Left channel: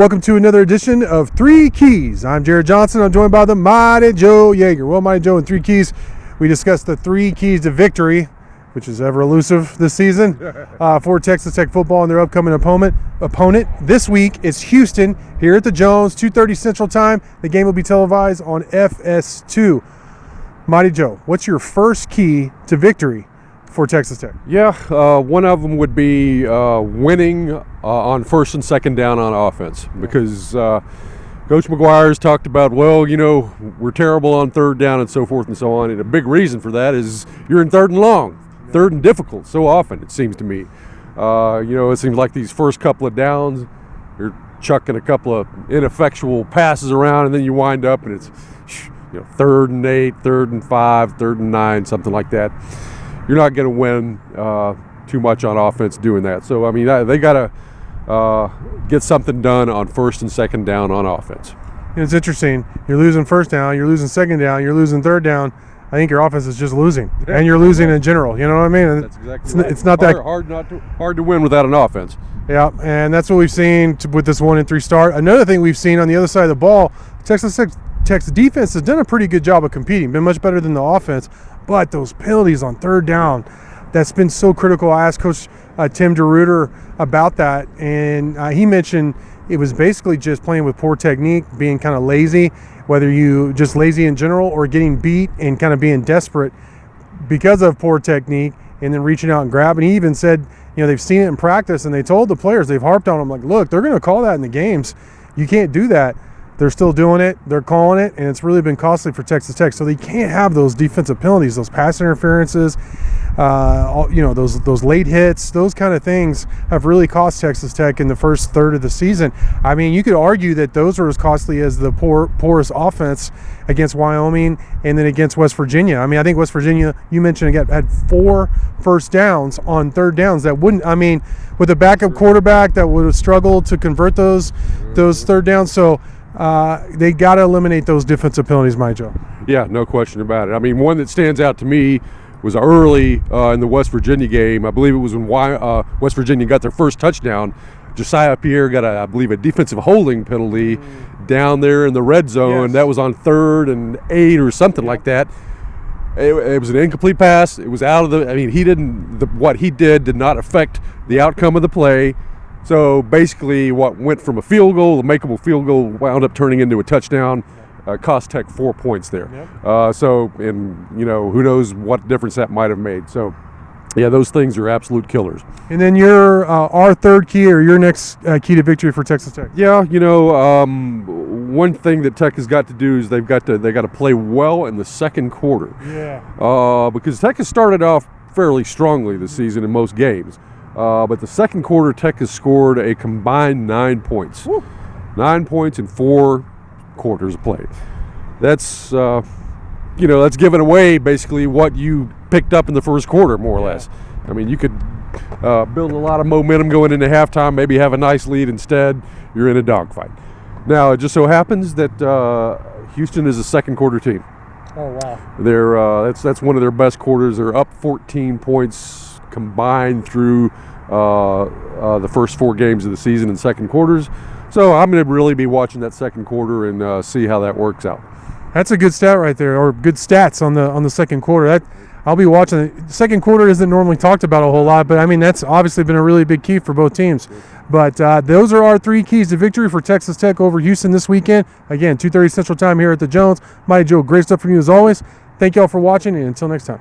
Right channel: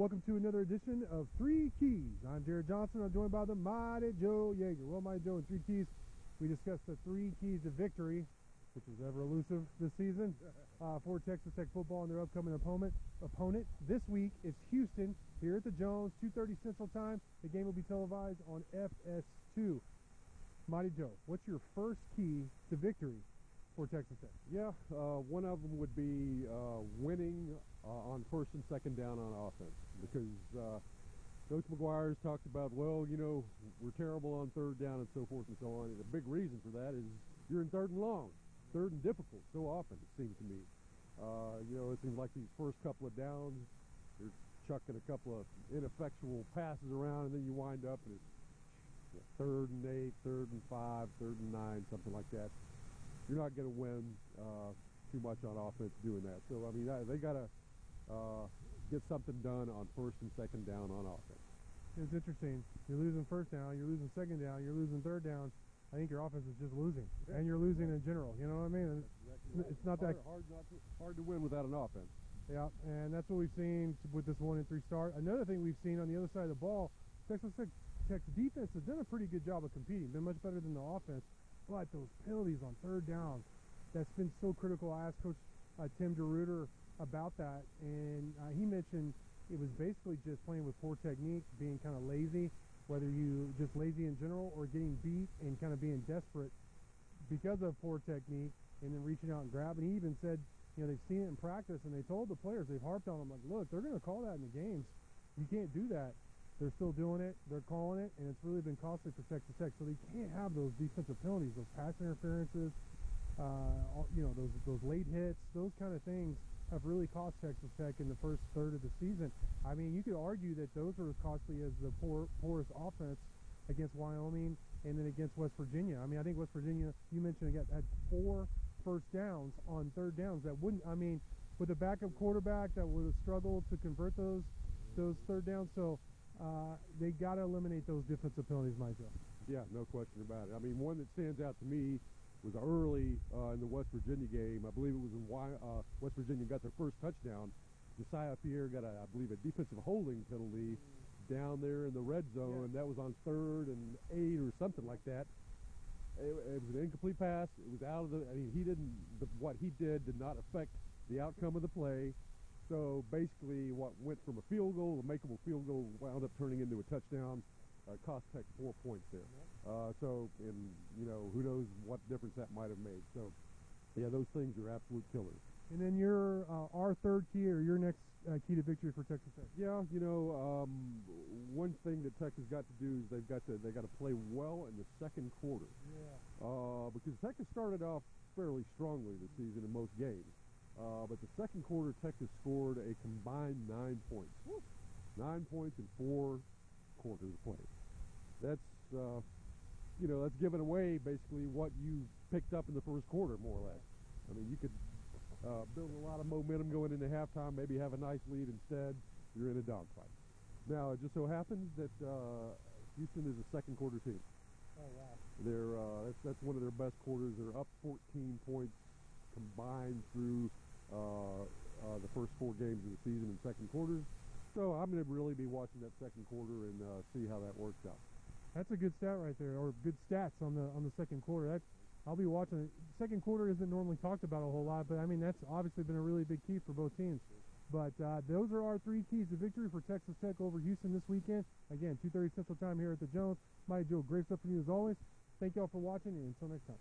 Welcome to another edition of Three Keys. I'm Jared Johnson. I'm joined by the mighty Joe Yeager. Well, mighty Joe and Three Keys, we discussed the three keys to victory, which is ever elusive this season, for Texas Tech football and their upcoming opponent. This week is Houston here at the Jones, 2:30 Central Time. The game will be televised on FS2. Mighty Joe, what's your first key to victory for Texas Tech? Yeah, one of them would be winning on first and second down on offense, because Coach McGuire's talked about, well, you know, we're terrible on third down and so forth and so on. And a big reason for that is you're in third and long, third and difficult so often, it seems to me. It seems like these first couple of downs, you're chucking a couple of ineffectual passes around, and then you wind up and it's third and 8, third and 5, third and 9, something like that. You're not going to win too much on offense doing that. So, I mean, they got to get something done on first and second down on offense. It's interesting. You're losing first down, you're losing second down, you're losing third down. I think your offense is just losing, and you're losing in general. You know what I mean? That's exactly right. It's not that hard to win without an offense. Yeah, and that's what we've seen with this 1-3 start. Another thing we've seen on the other side of the ball, Texas defense has done a pretty good job of competing, been much better than the offense. But those penalties on third down, that's been so critical. I asked Coach Tim DeRuyter about that, and he mentioned it was basically just playing with poor technique, being kind of lazy, whether you just lazy in general or getting beat and kind of being desperate because of poor technique and then reaching out and grabbing. He even said, they've seen it in practice, and they told the players, they've harped on them, like, look, they're going to call that in the games. You can't do that. They're still doing it. They're calling it, and it's really been costly for Texas Tech. So they can't have those defensive penalties, those pass interferences, those late hits. Those kind of things have really cost Texas Tech in the first third of the season. I mean, you could argue that those are as costly as the porous offense against Wyoming and then against West Virginia. I mean, I think West Virginia, you mentioned, again, had 4 first downs on third downs. That wouldn't, I mean, with a backup quarterback that would have struggled to convert those third downs. So they got to eliminate those defensive penalties, my Joe. Yeah, no question about it. I mean, one that stands out to me was early in the West Virginia game. I believe it was when West Virginia got their first touchdown. Josiah Pierre got, a defensive holding penalty down there in the red zone. Yes. That was on 3rd and 8 or something like that. It was an incomplete pass. It was out of the. I mean, what he did not affect the outcome of the play. So basically, what went from a field goal, a makeable field goal, wound up turning into a touchdown. Cost Tech 4 points there. Yep. Who knows what difference that might have made. So, yeah, those things are absolute killers. And then our third key, or your next key to victory for Texas Tech. Yeah, one thing that Tech has got to do is they got to play well in the second quarter. Yeah. Because Tech has started off fairly strongly this season in most games. But the second quarter, Tech has scored a combined 9 points. Woo. 9 points in 4 quarters of play. That's that's giving away basically what you picked up in the first quarter, more or less. I mean, you could build a lot of momentum going into halftime, maybe have a nice lead. Instead, you're in a dogfight. Now, it just so happens that Houston is a second quarter team. Oh, wow. They're that's one of their best quarters. They're up 14 points combined through the first 4 games of the season in second quarters. So I'm going to really be watching that second quarter and see how that works out. That's a good stat right there, or good stats on the second quarter. I'll be watching it. The second quarter isn't normally talked about a whole lot, but I mean, that's obviously been a really big key for both teams. But those are our 3 keys to victory for Texas Tech over Houston this weekend. Again, 2:30 Central Time here at the Jones. Mighty Joe, great stuff from you as always. Thank you all for watching, and until next time.